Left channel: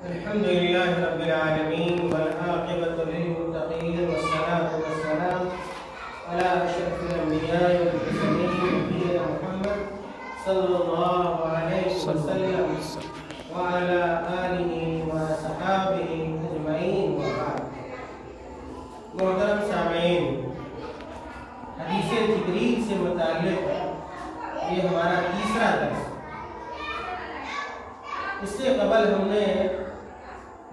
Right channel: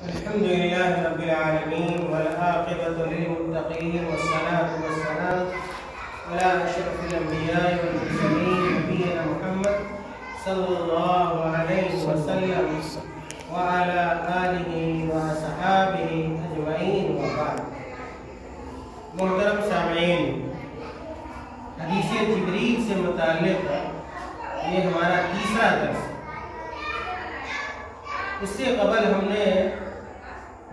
الحمد لله رب العالمين والعاقبة للمتقين والصلاة والسلام على أشرف الأنبياء والمرسلين نبينا محمد صلى الله عليه وسلم وعلى آله وصحابه أجمعين وبعد. محترم سامعین، حدیث جبریل سے متعلق یہ ہمارا تیسرا درس. اس سے قبل ہم نے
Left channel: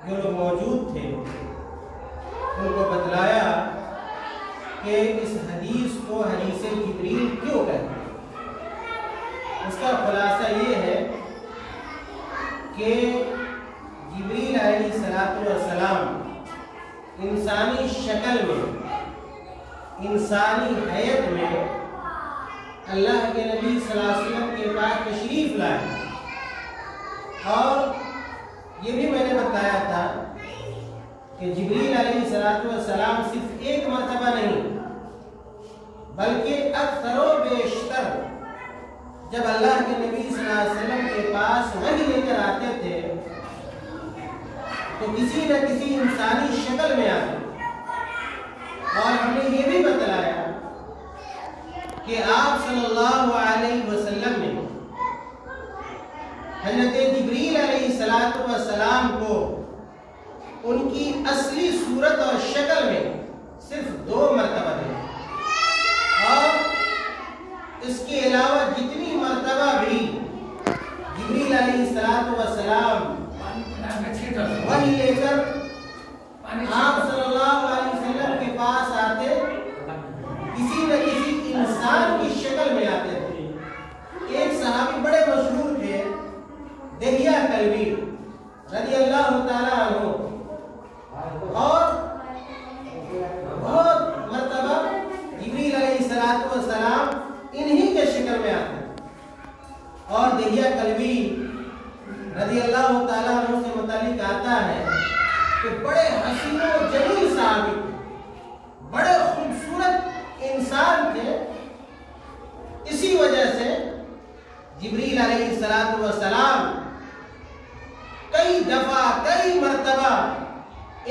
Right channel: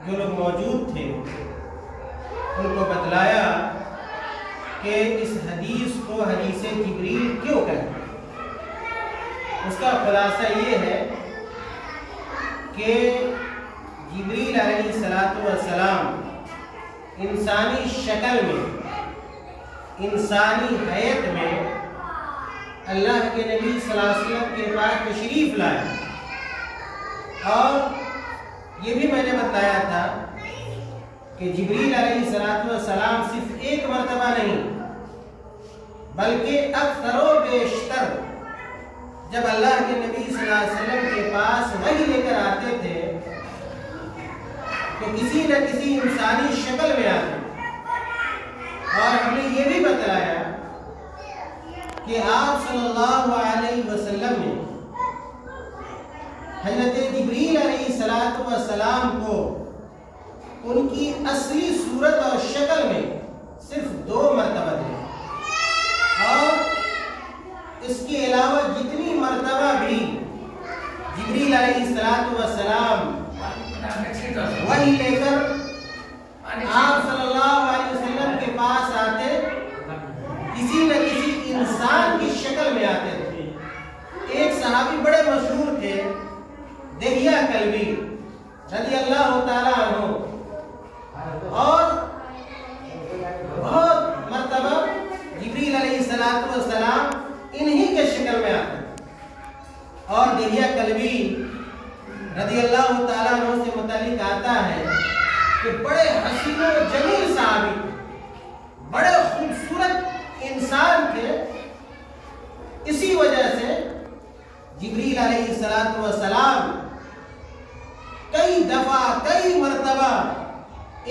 جو لوگ موجود تھے ان کو بتلایا کہ اس حدیث کو حدیث جبریل کیوں کہتے ہیں. اس کا خلاصہ یہ ہے کہ جبریل علیہ السلام انسانی شکل میں، انسانی حیت میں اللہ کے نبی صلی اللہ علیہ وسلم کے پاس تشریف لائے. اور یہ بھی میں نے بتایا تھا کہ جبریل علیہ السلام صرف ایک مرتبہ نہیں بلکہ اکثر و بیشتر جب اللہ کے نبی صلی اللہ علیہ وسلم کے پاس وحی لے کر آتے تھے تو کسی نہ کسی انسانی شکل میں آتے. اور ہم نے یہ بھی بتلایا کہ آپ صلی اللہ علیہ وسلم نے حضرت جبریل علیہ السلام کو ان کی اصلی صورت اور شکل میں صرف 2 مرتبہ دیکھا، اور اس کے علاوہ جتنی مرتبہ بھی جبریل علیہ السلام وحی لے کر آپ صلی اللہ علیہ وسلم کے پاس آتے کسی نہ کسی انسان کی شکل میں آتے تھے. ایک صحابی بڑے مشہور تھے، دہیہ کلبی رضی اللہ تعالیٰ عنہ، اور بہت مرتبہ جبریل علیہ السلام انہی کے شکل میں آتے. اور دہیہ کلبی رضی اللہ تعالیٰ عنہ سے متعلق آتا ہے کہ بڑے حسین و جمیل صحابی، بڑے خوبصورت انسان تھے. اسی وجہ سے جبریل علیہ السلام کئی دفعہ کئی مرتبہ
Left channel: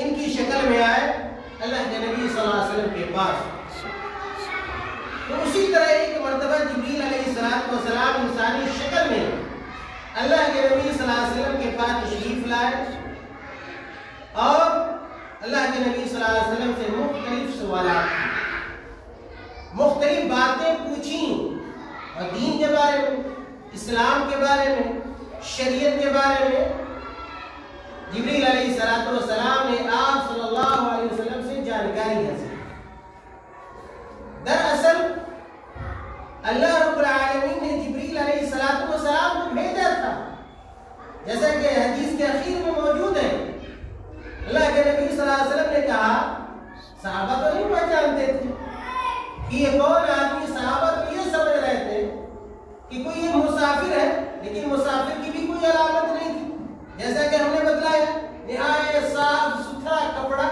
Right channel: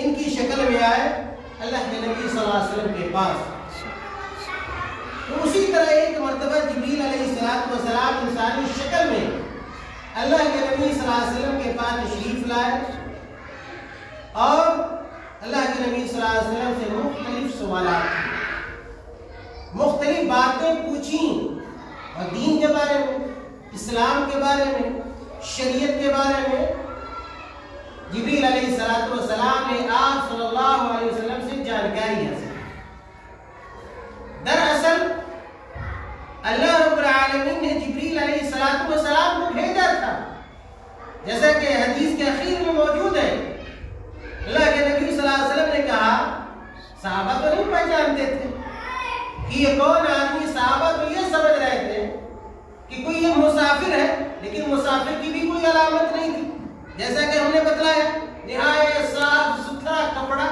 ان کی شکل میں آئے اللہ کے نبی صلی اللہ علیہ وسلم کے پاس. تو اسی طرح ایک مرتبہ جبریل علیہ السلام انسانی شکل میں اللہ کے نبی صلی اللہ علیہ وسلم کے پاس تشریف لائے اور اللہ کے نبی صلی اللہ علیہ وسلم سے مختلف سوالات کی، مختلف باتیں پوچھیں، اور دین کے بارے میں، اسلام کے بارے میں، شریعت کے بارے میں جبریل علیہ السلام نے آپ صلی اللہ علیہ وسلم سے جانکاری حاصل. دراصل اللہ رب العالمین نے جبریل علیہ السلام کو بھیجا تھا، جیسا کہ حدیث کے اخیر میں موجود ہے. اللہ کے نبی صلی اللہ علیہ وسلم نے کہا، صحابہ تو نہیں پہچانتے تھے کہ یہ کون آدمی. صحابہ تو یہ سمجھ رہے تھے کہ کوئی یہ مسافر ہے، لیکن مسافر کی بھی کوئی علامت نہیں تھی. جیسا کہ ہم نے بتلایا، نہایت صاف ستھرا کپڑا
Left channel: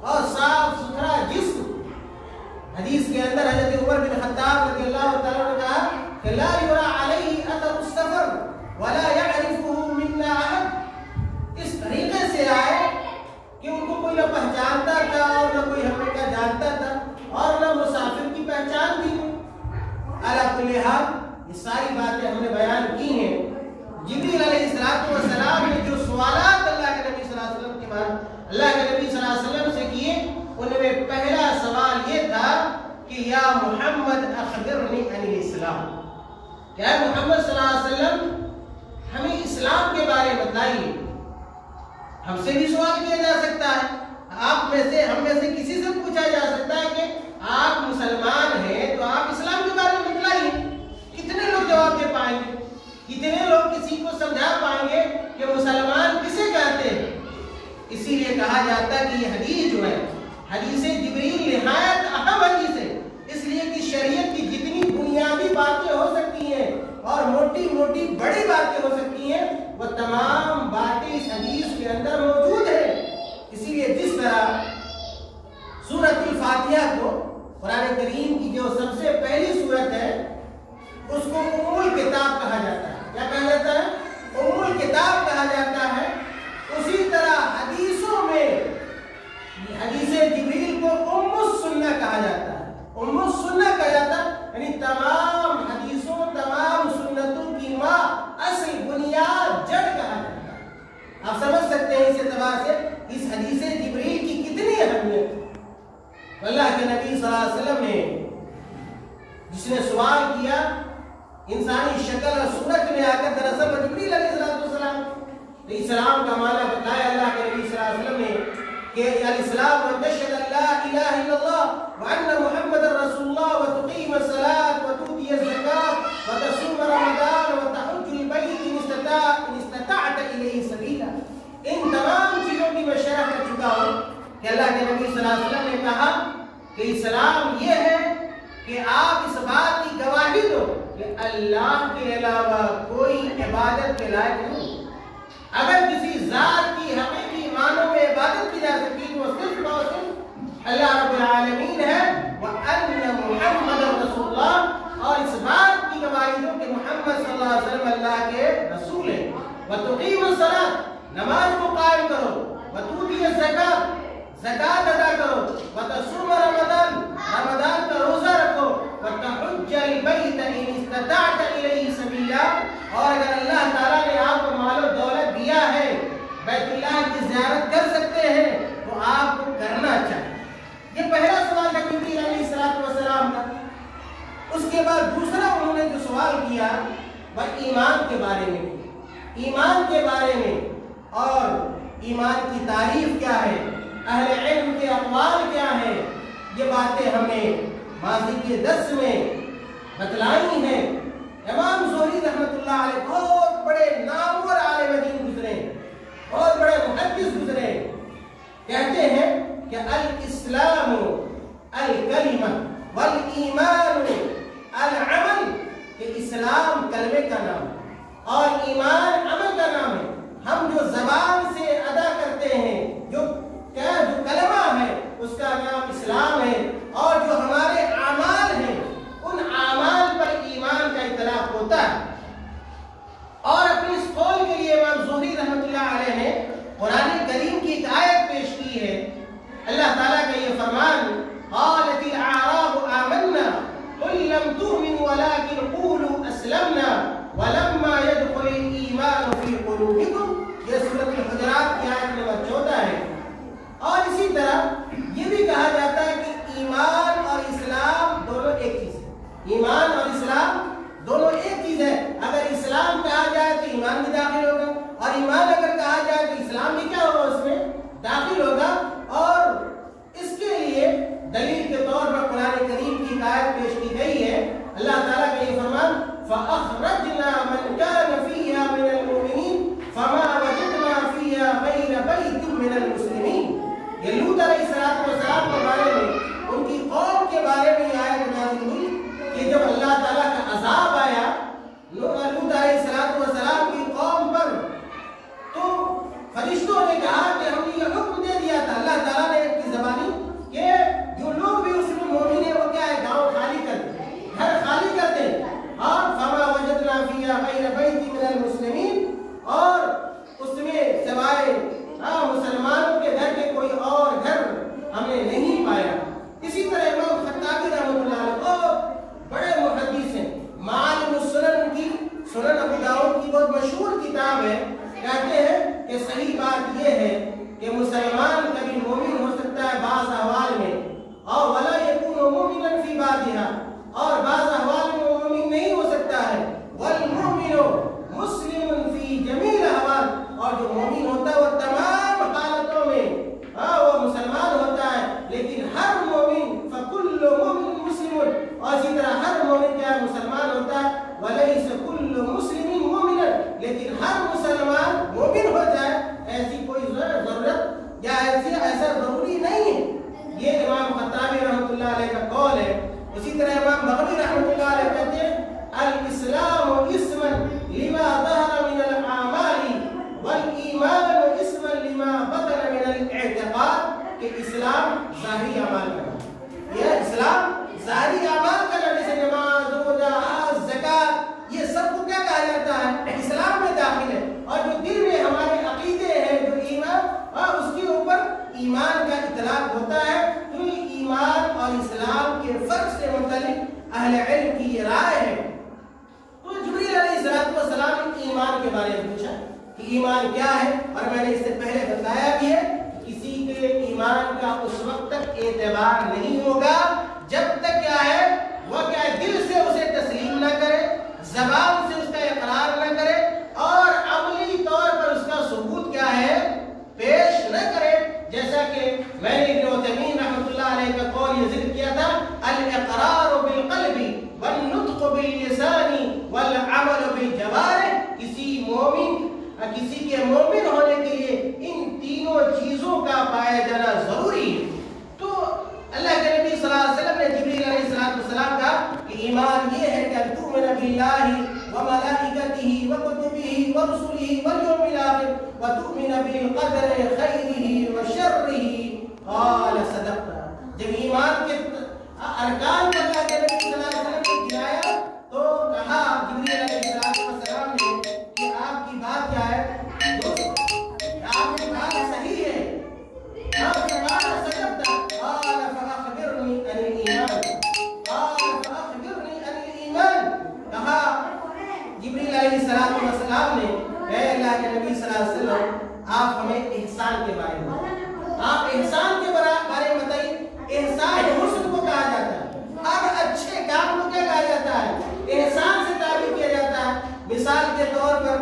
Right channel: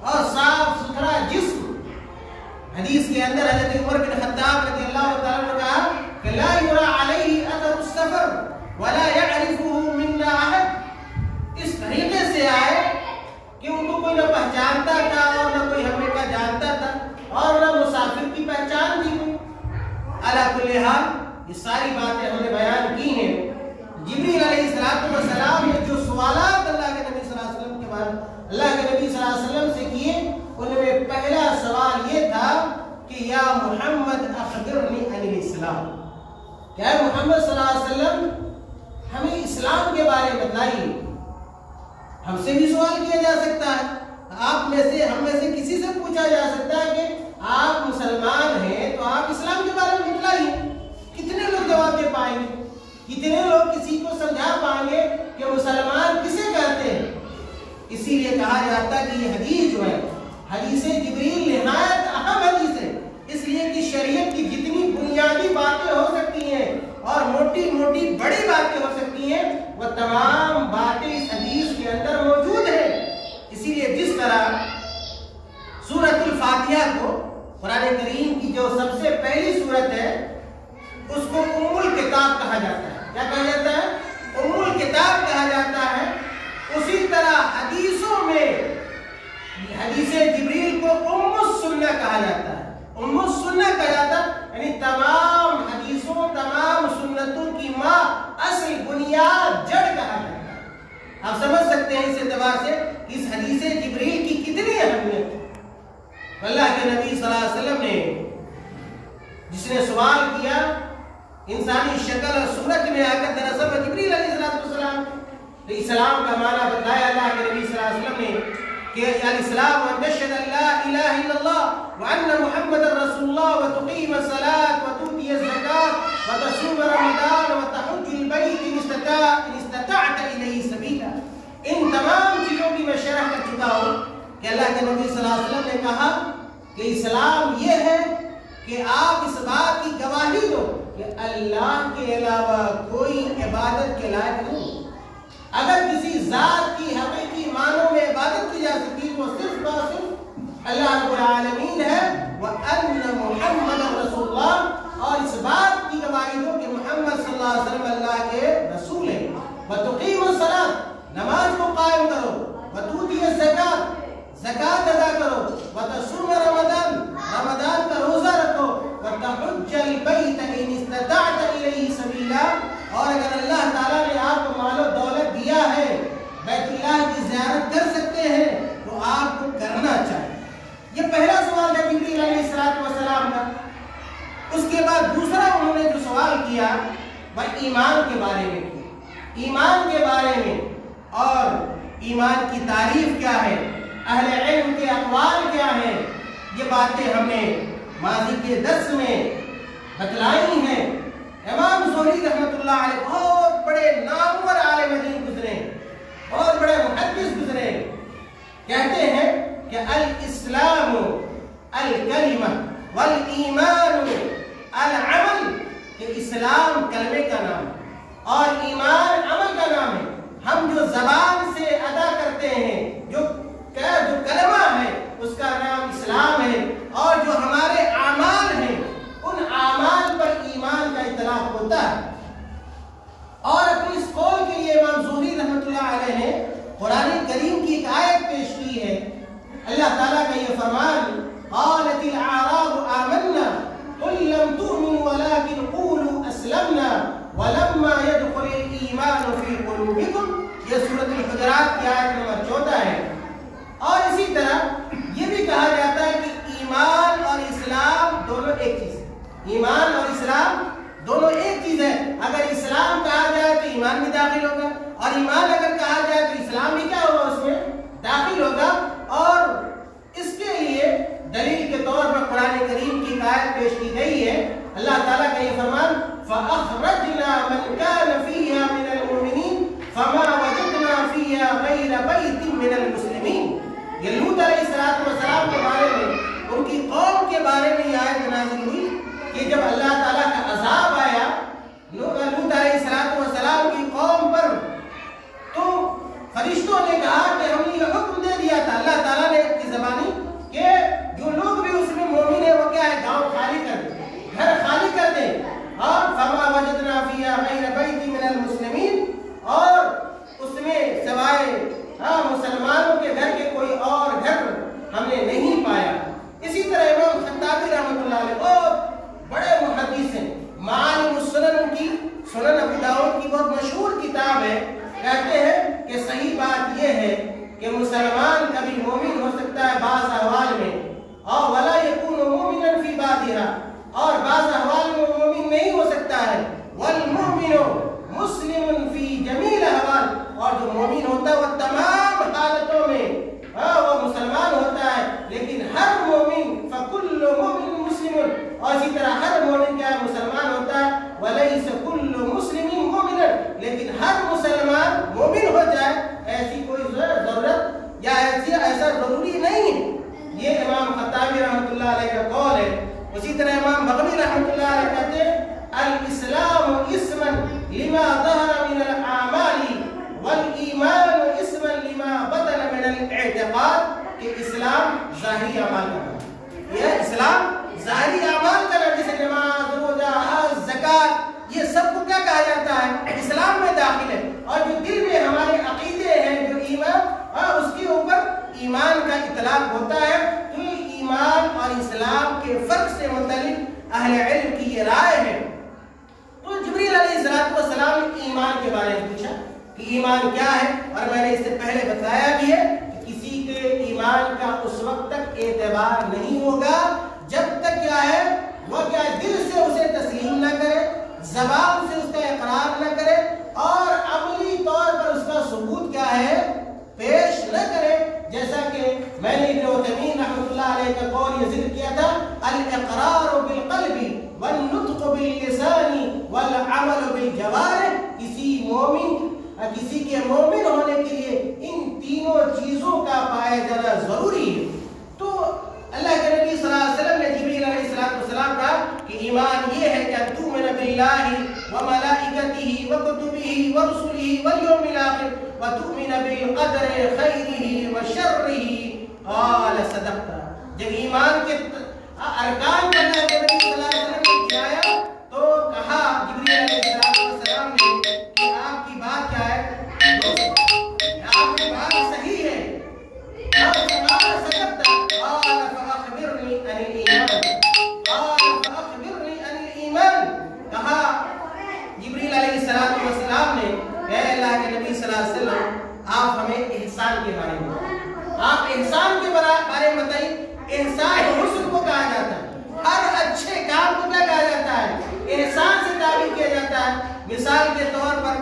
اور صاف ستھرا جسم. حدیث کے اندر حضرت عمر بن خطاب رضی اللہ تعالیٰ نے کہا کہ لا یرا علیہ اثر السفر ولا يعرفه منا احد. اس طریقے سے آئے کہ ان کو کوئی نہ پہچانتا تھا اور نہ کوئی ہمیں کا جانتا تھا اور نہ مسافر کی پہچان تھی. علی کل حال یہ ساری باتیں ہم نے بیان کی ہیں. جبریل علیہ السلام نے جو سوالات اللہ کے نبی صلی اللہ علیہ وسلم کے بعد اللہ کے نبی صلی اللہ علیہ وسلم سے کیے، ان میں پہلا سوال یہ تھا کہ یا محمد اخبرنی عن الاسلام، کیا محمد صلی اللہ علیہ وسلم ہمیں اسلام کے بارے میں بتائیے. ہم سے بھی سوال کیا جا سکتا ہے، آپ میں سے، ہم میں سے کسی سے پوچھا جا سکتا ہے کہ آپ مسلمان ہیں تو آپ اسلام کے بارے میں بتلائیے. کتنے لوگ جواب دے پائیں گے؟ کتنے لوگ کسی کو سمجھا پائیں گے کہ مسلمان کسے کہتے ہیں؟ اسی لیے کہا جاتا ہے کہ یہ حدیث جو ہے حدیث جبریل نہایت اہم حدیث ہے، اس لیے کہ شریعت کی جتنی بنیادی باتیں ہو سکتی ہیں اور موٹی موٹی بڑی باتیں ہو سکتی ہیں، وہ تمام باتیں اس حدیث کے اندر موجود ہیں. اسی لیے جس طرح سورۃ الفاتحہ کو قرآن کریم کی جو سب سے پہلی سورت ہے اس کو ام الکتاب کہا جاتا ہے. کیا کہا جاتا ہے؟ ام الکتاب کہا جاتا ہے. اس آپ سمجھ سکتے ہیں اس اعتبار سے اس حدیث جبریل کی کتنی اہمیت ہے۔ اللہ کے نبی صلی اللہ علیہ وسلم نے جس نے سوال کیا انسانی شکل اور صورت میں آ کر، دراصل جبریل علیہ السلام نے اسلام کا معنی بتایا اللہ کے نبی صلی اللہ علیہ وسلم نے کہ الاسلام ان تشهد ان لا الہ الا اللہ وان محمد رسول اللہ وتقیم الصلاة وتؤتی الزکاة وتصوم رمضان وتحج البیت ان استطعت الیہ سبیلا۔ ان تمام چیزوں کی میں شرح کر چکا ہوں کہ اللہ کے نبی صلی اللہ علیہ وسلم نے کہا کہ اسلام یہ ہے کہ آپ اس بات کی گواہی دو کہ اللہ کے علاوہ کوئی عبادت کے لائق نہیں۔ اگر کسی ذات کی حقیقی معنوں میں عبادت کی جا سکتی تو وہ صرف اور صرف اللہ رب العالمین ہے، وَأَنَّ مُحَمَّدًا رَسُولُ اللَّهِ، اور اس بات کی گواہی دو کہ محمد صلی اللہ علیہ وسلم اللہ کے رسول ہیں۔ وَتُقِيمُ الصَّلَاةَ، نماز کو قائم کرو، وَتُؤْتِيَ الزَّكَاةَ، زکات ادا کرو، وتصوم رمضان، رمضان کا روزہ رکھو، وتحج البیت ان استطعت الیہ سبیلا، اور اگر اللہ تعالیٰ نے آپ کو مال و دولت دیا ہے، بیت اللہ کی زیارت کر سکتے ہیں تو آپ کو کرنا چاہیے۔ یہ پہلا سوال تھا جبریل علیہ السلام کا۔ اس کے بعد دوسرا انہوں نے جو سوال کیا وہ ایمان کے بارے میں کیا، ایمان کے بارے میں، اور ایمان کی تعریف کیا ہے، اہل علم کے اقوال کیا ہیں، یہ باتیں ہم نے ماضی کے درس میں بتلائی ہیں۔ امام زہری رحمۃ اللہ علیہ بہت بڑے نامور عالم دین گزرے، بہت بڑے محدث گزرے، کہتے ہیں کہ الاسلام الکلمہ والایمان العمل، کہ اسلام کلمے کا نام اور ایمان عمل کا نام ہے۔ ہم جو زبان سے ادا کرتے ہیں، جو کلمہ ہے اس کا نام اسلام ہے، اور جو ہمارے اعمال ہیں ان اعمال پر ایمان کا اطلاق ہوتا ہے۔ اور اپنی اس قول کے لیے امام زہری رحمۃ اللہ علیہ نے قرآن کریم کی ایک آیت پیش کی ہے۔ اللہ تعالیٰ کا یہ فرمان، قالت الاعراب آمنا قل لم تؤمنوا ولكن قولوا اسلمنا ولما يدخل الايمان في قلوبكم، یہ سورۃ الحجرات کی آیت نمبر 14 ہے۔ اور اسی طرح یہ بھی کہا جاتا ہے کہ ایمان اور اسلام دونوں ایک چیز ہے، ایمان اور اسلام دونوں ایک چیز ہے۔ اگر اسلام کہا جائے تو ایمان بھی داخل ہوگا، اور ایمان اگر کہا جائے تو اسلام بھی کیا ہوگا، اس میں داخل ہوگا۔ اور اس کے لیے دلیل کے طور پر قرآن کریم کی آیت پیش کی گئی ہے۔ اللہ تعالیٰ کا یہ فرمان، فَأَخْرَجْنَا مَنْ كَانَ فِيهَا مِنَ الْمُؤْمِنِينَ فَمَا وَجَدْنَا فِيهَا غَيْرَ بَيْتٍ مِنَ الْمُسْلِمِينَ۔ یہ لوط علیہ السلام کے بارے میں، ان کی قوم کے بارے میں یہ آیت نازل ہوئی کہ جب اللہ تعالیٰ کا عذاب آیا لوط علیہ السلام کی قوم پر، تو فرشتوں نے کہا کہ ہم نے یہ حکم دے دیا تھا، اللہ تعالیٰ نے کی زبانی، کہ جو لوگ بھی اس میں مومن ہیں وہ کیا ہے، گاؤں خالی کر دیں، گھر خالی کر دیں۔ اور فما وجدنا فیہا غیر بیت من المسلمین، اور اس میں سوائے مسلمانوں کے گھر کے کوئی اور گھر ہم نے نہیں پایا۔ اسی طرح امام خطابی رحمۃ اللہ علیہ بہت بڑے محدث ہیں، معالم السنن کی، سنن ابو داؤد کی بہت مشہور کتاب ہے، کہتے ہیں کہ صحیح بات یہ ہے کہ مسلمان کبھی مومن ہو سکتا ہے بعض احوال میں، اور ولا یکون مومنا فی بعضھا، اور بعض احوال میں مومن نہیں ہو سکتا ہے، والمؤمن مسلم فی جمیع الاحوال، اور جو مومن ہوتا ہے وہ تمام حالتوں میں وہ مسلمان ہوتا ہے، لیکن ہر مومن فکل مومن مسلم، اور اسی طرح ہر مومن کیا مسلمان ہوتا ہے، ولیس کل مسلم مومنا، لیکن ہر مسلمان مومن ہو جائے ایسی کوئی ضرورت یا ایسا ضروری نہیں ہے۔ یہ امام خطابی رحمۃ اللہ علیہ کا قول ہے۔ اسی طرح امام بغوی رحمۃ اللہ علیہ کہتے ہیں الاسلام اسما لما ظهر من الاعمال والایمان اسما لما بطن من الاعتقاد، کہ اسلام ظاہری اعمال کا نام، یہ اسلام ظاہری اعمال کا نام، جیسے نماز، روزہ، حج، زکات، یہ سب کو کیا کہا جاتا ہے، اسلام میں داخل ہے۔ اور جو دل میں ہمارے عقیدے ہیں، جو ایمان، اس کے اوپر ایمان کا اطلاق ہوتا ہے۔ تو ایمان اور اسلام کے فرق سے متعلق اہل علم کی یہ رائے ہے۔ تو جبریل علیہ السلام نے ایمان کے بارے میں پوچھا کہ ایمان کیا ہے، اور میں نے اس سے پہلے بتایا بھی ہے کہ کسی کے ایمان کا اس وقت تک اعتبار نہیں ہوگا جب تک کیا ہے وہ کیا دل سے اسے تسلیم نہ کرے، زبان سے اس کا اقرار نہ کرے اور عملی طور پر اس کا ثبوت کیا ہے پیش نہ کرے. جیسا کہ میں نے ابن عثیمین رحمۃ اللہ علیہ کا قول یہ ذکر کیا تھا، الاقرار بالقلب والنطق باللسان والعمل بالجوارح. کسی کے مومن ہونے کے لیے ان تینوں چیزوں کا پایا جانا ضروری ہے. تو اللہ کے نبی صلی اللہ علیہ وسلم نے جبریل علیہ السلام کہا کہ ایمان یہ ہے کہ تؤمن باللہ وملائکتہ وکتبہ ورسلہ والیوم الآخر وتؤمن بالقدر خیرہ وشرہ. قال صدقت. جب ایمان کے ارکان کو اللہ کے نبی صلی اللہ علیہ وسلم نے گرایا تو کہا جبریل علیہ السلام نے کہ آپ کی بات کیا ہے، آپ کی بات صحیح ہے. السلام نے اے اللہ کے نبی صلی اللہ علیہ وسلم آپ ہمیں احسان کے بارے میں بتائیں. آپ احسان کے بارے میں بتائیے. احسان حسن کو کہا جاتا ہے، ہر اچھے کام کو کیا کہا جاتا ہے، احسان سے تعبیر کیا جاتا ہے. مثال کے طور پر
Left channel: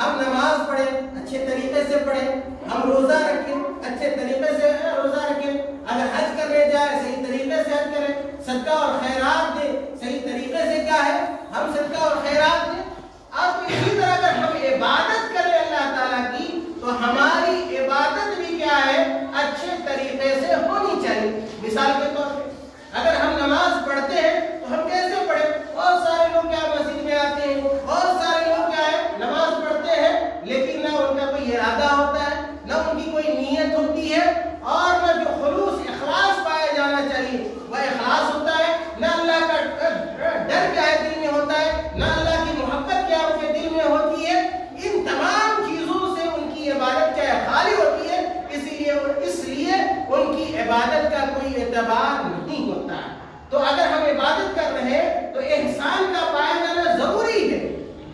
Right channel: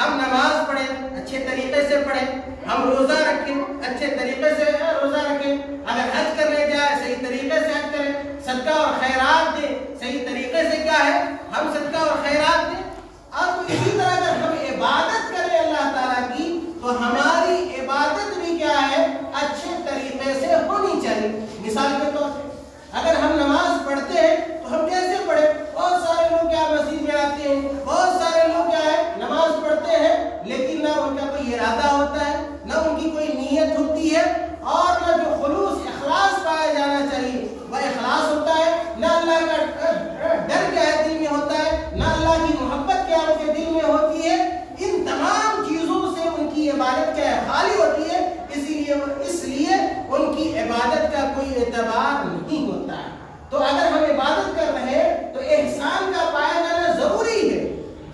ہم نماز پڑھیں اچھے طریقے سے پڑھیں، ہم روزہ رکھیں اچھے طریقے سے روزہ رکھیں، اگر حج کرنے جائیں صحیح طریقے سے حج کریں، صدقہ اور خیرات دیں صحیح طریقے سے کیا ہے ہم صدقہ اور خیرات دیں. اب اسی طرح اگر ہم عبادت کریں اللہ تعالیٰ کی تو ہماری عبادت بھی کیا ہے اچھے طریقے سے ہونی چاہیے. مثال کے طور پہ اگر ہم نماز پڑھتے ہیں تو ہم کیسے پڑھیں؟ بہت سارے لوگ کیا مسجد میں آتے ہیں، بہت سارے لوگ کیا ہے نماز پڑھتے ہیں لیکن نہ ان کا کوئی ارادہ ہوتا ہے، نہ ان کی کوئی نیت ہوتی ہے اور نہ جو خلوص اخلاص پایا جانا چاہیے وہ اخلاص ہوتا ہے، نہ اللہ کا ڈر کیا ہے دل میں ہوتا ہے، نہ اللہ کی محبت کیا ان کے دل میں ہوتی ہے. ان تمام چیزوں سے ان کی عبادت کیا ہے خالی ہوتی ہے. اس لیے ان کی عبادت کا کوئی اعتبار نہیں ہوتا ہے. تو اگر ہم عبادت کر رہے ہیں تو احسان کا پایا جانا ضروری ہے.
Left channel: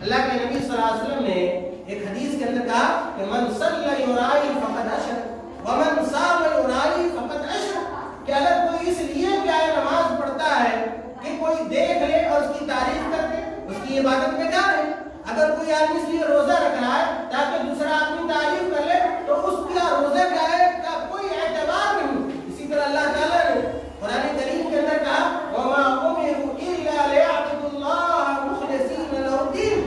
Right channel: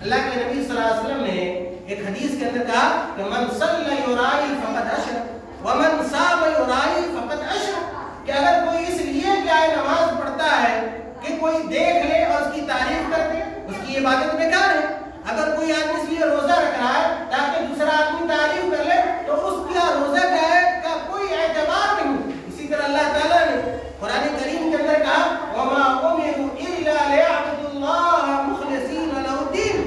اللہ کے نبی صلی اللہ علیہ وسلم نے ایک حدیث کے اندر کہا کہ من صلی یرائی فقد اشرک ومن صام یرائی فقد اشرک. کہ اگر کوئی اس لیے کیا ہے نماز پڑھتا ہے کہ کوئی دیکھ لے اور اس کی تعریف کر دے اس کی عبادت بیکار ہے. اگر کوئی آدمی اس لیے روزہ رکھ رہا ہے تاکہ دوسرا آدمی تعریف کر لے تو اس کا روزہ کیا ہے کا کوئی اعتبار نہیں. اسی طرح اللہ تعالیٰ نے قرآن کریم کے اندر کہا وما امروا الا ليعبدوا الله مخلصين له الدين.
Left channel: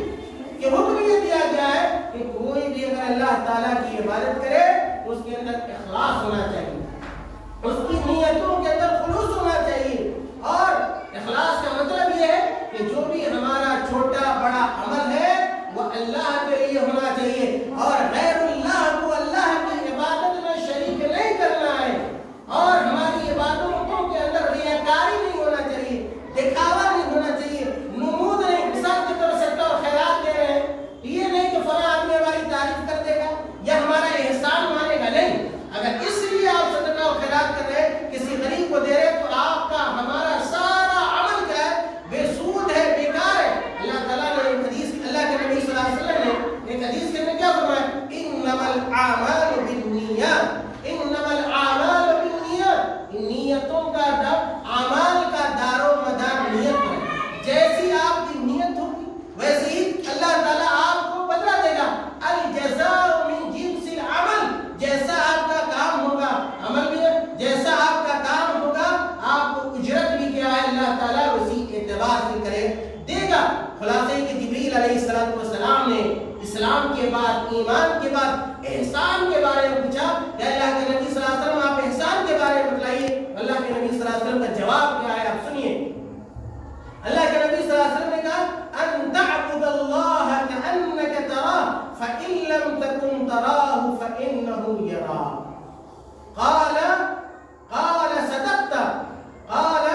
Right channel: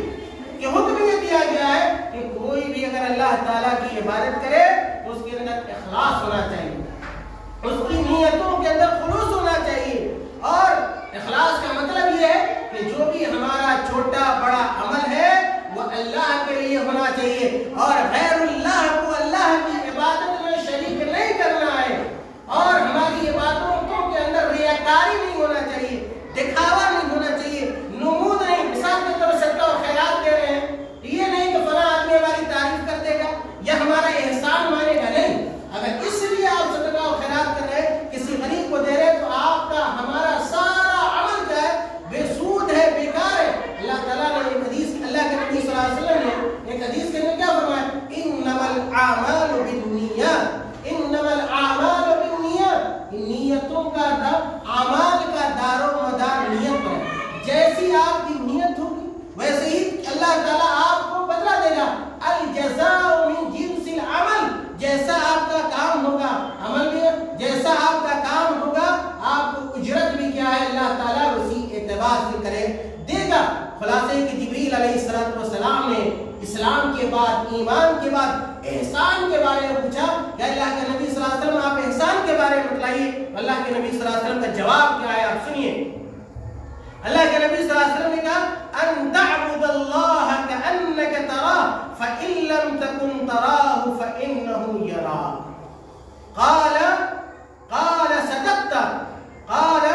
کہ حکم یہ دیا گیا ہے کہ کوئی بھی اگر اللہ تعالیٰ کی عبادت کرے تو اس کے اندر اخلاص ہونا چاہیے، اس کی نیتوں کے اندر خلوص ہونا چاہیے. اور اخلاص کا مطلب یہ ہے کہ جو بھی ہمارا چھوٹا بڑا عمل ہے وہ اللہ کے لیے ہونا چاہیے اور غیر اللہ کو اللہ کی عبادت میں شریک نہیں کرنا ہے. اور ہماری عبادتوں کے اندر ریاکاری نہیں ہونا چاہیے، دکھاوا نہیں ہونا چاہیے، نمود نہیں. مثال کے طور پر صدقہ اور خیرات دے رہے ہیں، یہ نہیں کہ فلاں آدمی ہماری تعریف کر دے گا یا ہمارا احسان مانے گا، نہیں. اگر اس لیے آپ صدقہ اور خیرات کر رہے ہیں، کسی غریب کو دے رہے ہیں تو آپ کا ہمارا سارا عمل کیا ہے بے سود ہے، بیکار ہے. اللہ تعالیٰ نے ایک حدیث اللہ کے نبی صلی اللہ علیہ وسلم نے ایک حدیث کے اندر کیا فرمایا انما الاعمال بالنیات، انما الاعمال بالنیات. نیتوں کا اعمال کا دار و مدار نیت پر ہے. جیسی آپ کی نیت ہوگی ویسے ہی اللہ تعالیٰ آپ کو بدلہ دے گا. الجزاء من جنس العمل. جیسا آپ کا کام ہوگا عمل میں جیسا آپ کا کام ہوگا آپ کو اجرت بھی کیا ہے اللہ تعالیٰ اسی اعتبار سے کرے دے گا. خلاصہ کہ جبریل علیہ السلام نے اسلام کے بعد ایمان کے بعد احسان کے بارے میں پوچھا کہ اللہ کے نبی صلی اللہ علیہ وسلم آپ احسان کے بارے میں بتلائیے. اللہ کے نبی صلی اللہ علیہ وسلم کا جواب کیا ہے آپ سنیے. اللہ کے نبی صلی اللہ علیہ وسلم نے کہا ان تعبد اللہ کأنک تراہ فإن لم تكن تراہ فإنه یراک. قال صدقت قال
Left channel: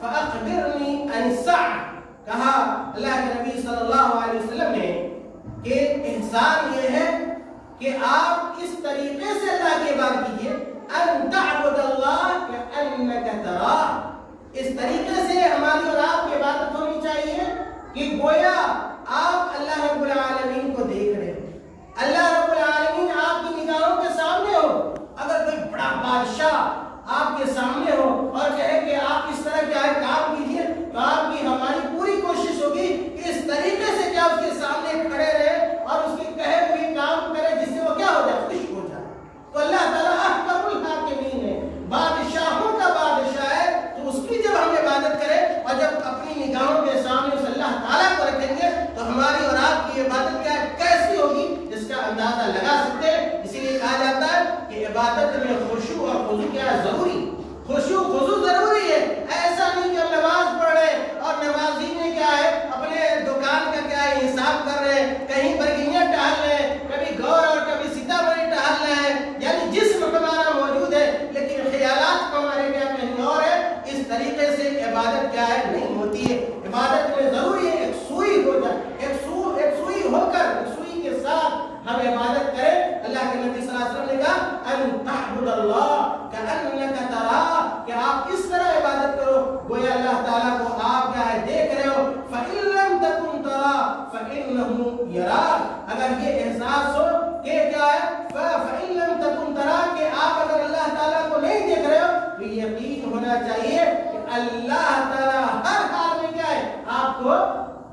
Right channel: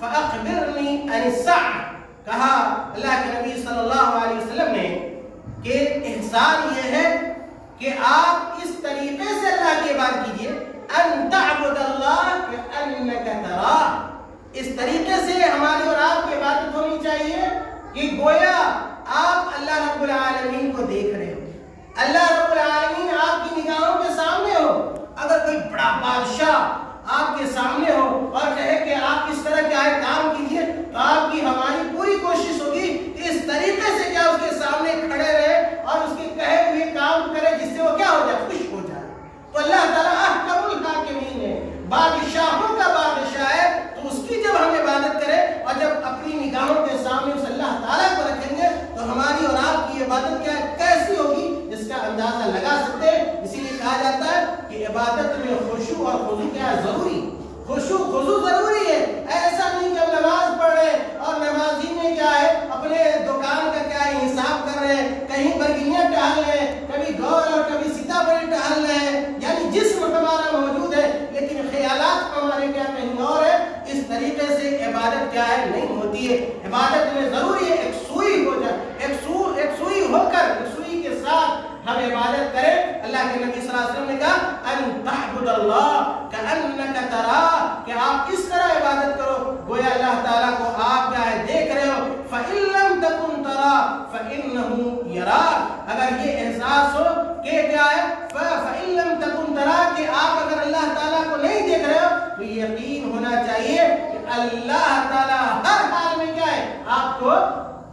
فأخبرنی عن الساعة. کہا اللہ کے نبی صلی اللہ علیہ وسلم نے کہ احسان یہ ہے کہ آپ اس طریقے سے اللہ کی عبادت کیجئے ان تعبد اللہ کأنک تراہ. اس طریقے سے ہماری اور آپ کی عبادت ہونی چاہیے کہ گویا آپ اللہ رب العالمین کو دیکھ رہے ہو. اللہ رب العالمین آپ کی کے سامنے ہو اور کہے کہ آپ اس طرح کیا ہے کام کیجئے، تو آپ کی ہماری پوری کوشش ہوگی کہ اس طریقے سے کیا اس کے سامنے کھڑے رہے اور اس کے کہے ہوئے کام کرے جس سے وہ کیا ہو جائے، خوش ہو جائے۔ تو اللہ تعالیٰ احکم الحاکمین ہے، بادشاہوں کا بادشاہ ہے، تو اس کی جب ہم عبادت کریں اور جب اپنی نگاہوں کے سامنے اس اللہ تعالیٰ کو رکھیں گے تو ہماری اور آپ کی عبادت کیا کیسی ہوگی اس کا اندازہ لگا سکتے ہیں۔ اسی لیے کہا جاتا ہے کہ عبادت میں خشوع اور خضوع کیا ہے، ضروری، خشوع خضوع ضروری ہے۔ ایسا نہیں کہ ہم نماز پڑھ رہے ہیں اور نمازی میں کیا ہے اپنے دکان کا کیا ہے حساب کر رہے ہیں، کہیں برگنیاں ٹہل رہے ہیں، کبھی گور اور کبھی سیتامڑھی ٹہل رہے ہیں، یعنی جسم ہمارا موجود ہے لیکن خیالات ہمارے کیا کہیں اور ہے۔ اس طریقے سے عبادت کیا ہے نہیں ہوتی ہے۔ عبادت میں ضروری ہے ایک سوئی ہو جائے، ایک سوئی ہو کر ایک سوئی کے ساتھ ہم عبادت کریں۔ اللہ کے نبی صلی اللہ علیہ وسلم نے کہا ان تعبد اللہ کأنک تراہ، کہ آپ اس طرح عبادت کرو گویا اللہ تعالیٰ کو آپ کیا ہے دیکھ رہے ہو۔ فإن لم تكن تراہ فإنه یراک، اگر یہ احساس ہو کہ کیا ہے فإن لم تكن تراہ کہ آپ اگر اللہ تعالیٰ کو نہیں دیکھ رہے ہو تو یقین ہونا چاہیے کہ اللہ تعالیٰ ہر حال میں کیا ہے آپ کو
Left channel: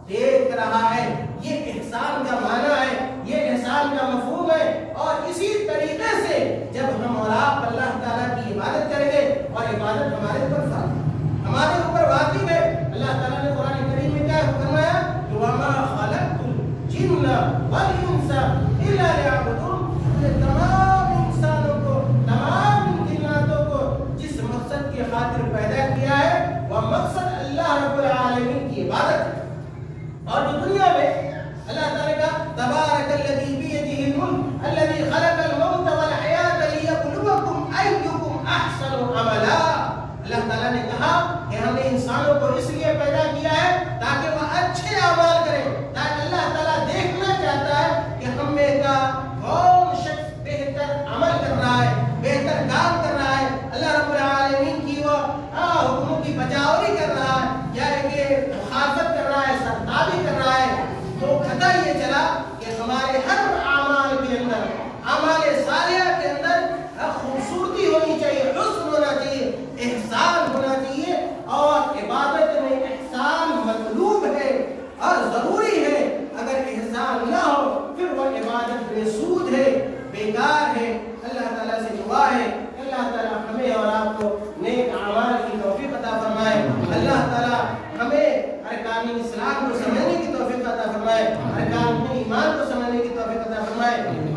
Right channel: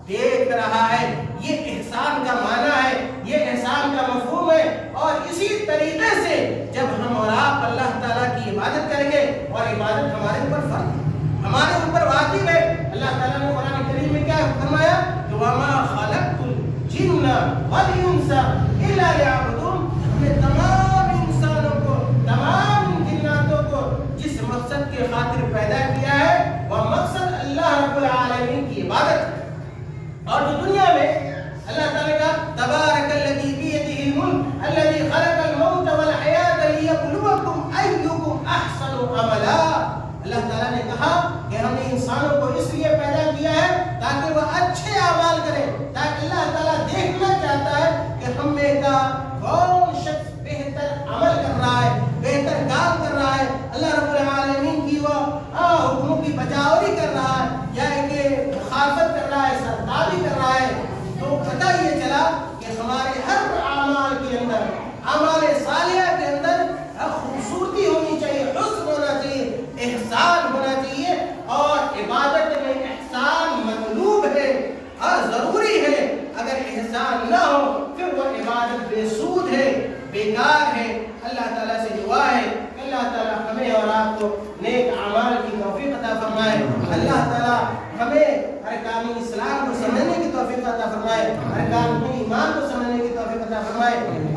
دیکھ رہا ہے۔ یہ احسان کا معنی ہے، یہ احسان کا مفہوم ہے۔ اور اسی طریقے سے جب ہم اور آپ اللہ تعالیٰ کی عبادت کریں گے، اور عبادت ہمارے اوپر فرض، ہمارے اوپر واجب ہے۔ اللہ تعالیٰ نے قرآن کریم میں کیا فرمایا کہ وَمَا خَلَقْتُ الْجِنَّ وَالْإِنسَ إِلَّا لِيَعْبُدُونَ، ہم نے تمام انسانوں کو، تمام جناتوں کو جس مقصد کی خاطر پیدا کیا ہے وہ مقصد اللہ رب العالمین کی عبادت ہے۔ اور جو دنیا میں اللہ تعالیٰ کا تبارک الذی بیدہ الملک الذی خلق الموت والحیات لیبلوکم ایکم احسن عملا، اللہ تعالیٰ نے کہا کہ ہم نے انسانوں کو اس لیے پیدا کیا ہے تاکہ وہ اچھے اعمال کریں، تاکہ اللہ تعالیٰ دیکھنا چاہتا ہے کہ ہم میں کا کون شخص بہتر عمل کر رہا ہے، بہتر کام کر رہا ہے، اللہ رب العالمین کی وہ حکموں کی بجاوری کر رہا ہے یا کہ مخالفت کر رہا ہے، سرتابی کر رہا ہے۔ تو پتہ یہ چلا کہ ہمارے ہر اعمال کے اندر، اعمال صالحہ کے اندر خوبصورتی ہونی چاہیے، حسن ہونا چاہیے، احسان ہونا چاہیے، اور عبادت میں احسان مطلوب ہے اور ضروری ہے۔ اگر احسان نہ ہو پھر وہ عبادت بے سود ہے، بیکار ہے۔ اللہ تعالیٰ سے دعا ہے کہ اللہ تعالیٰ ہمیں اور آپ کو نیک اعمال کی توفیق عطا فرمائے۔ اللہ تعالیٰ ہمیں ارکان اسلام کو سمجھنے کی توفیق عطا فرمائے، ارکان ایمان کو سمجھنے کی توفیق عطا فرمائے،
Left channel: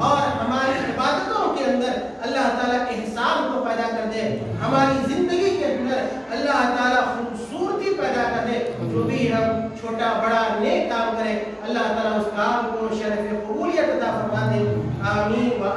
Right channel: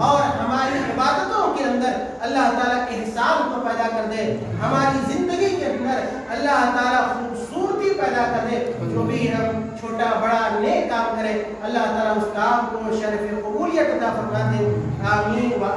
اور ہماری عبادتوں کے اندر اللہ تعالیٰ احسان کو پیدا کر دے، ہماری زندگی کے اندر اللہ تعالیٰ خوبصورتی پیدا کر دے۔ جو بھی ہم چھوٹا بڑا نیک کام کرے اللہ تعالیٰ اس کام کو شرف قبولیت عطا فرما دے۔ آمین و